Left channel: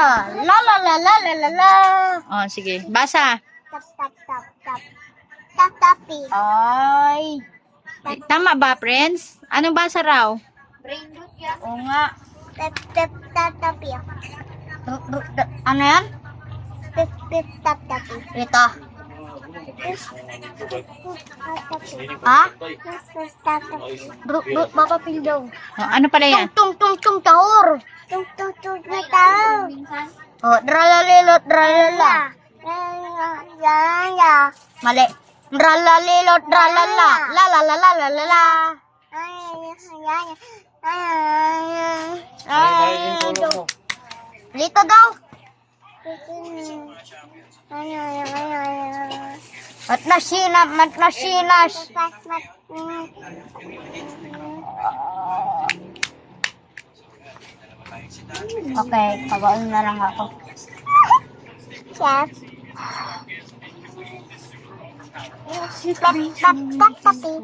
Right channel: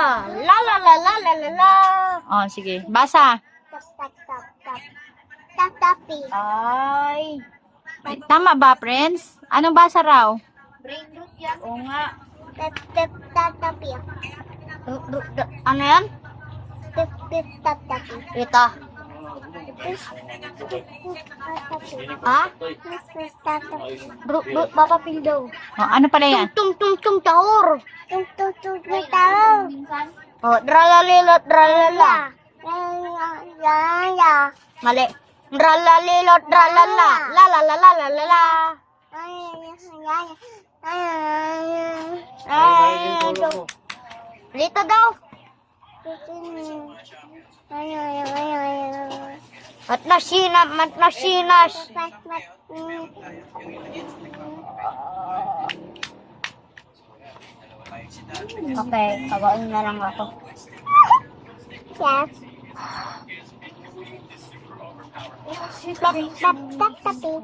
La la la la la la la. Oh, sige. Basa. Tap tap tap tap. Tap tapi. Ay. Tama ba, friends? Anong basa raw? Oo nga. Tap tap tap tapi. Ano yan? Tap tap tap tapi. Ito. Ha? Papa Pildo. Oh, ano pala yan? Tung tung tung taur. Tung tung tung taur. Oh, dralalilot dralala. Mali. Dralalilot dralala. La la la la la la la. Dito daw. Mat na sinas. Okay, pagaon na lang ako. Chef. Tap tap tap tapi.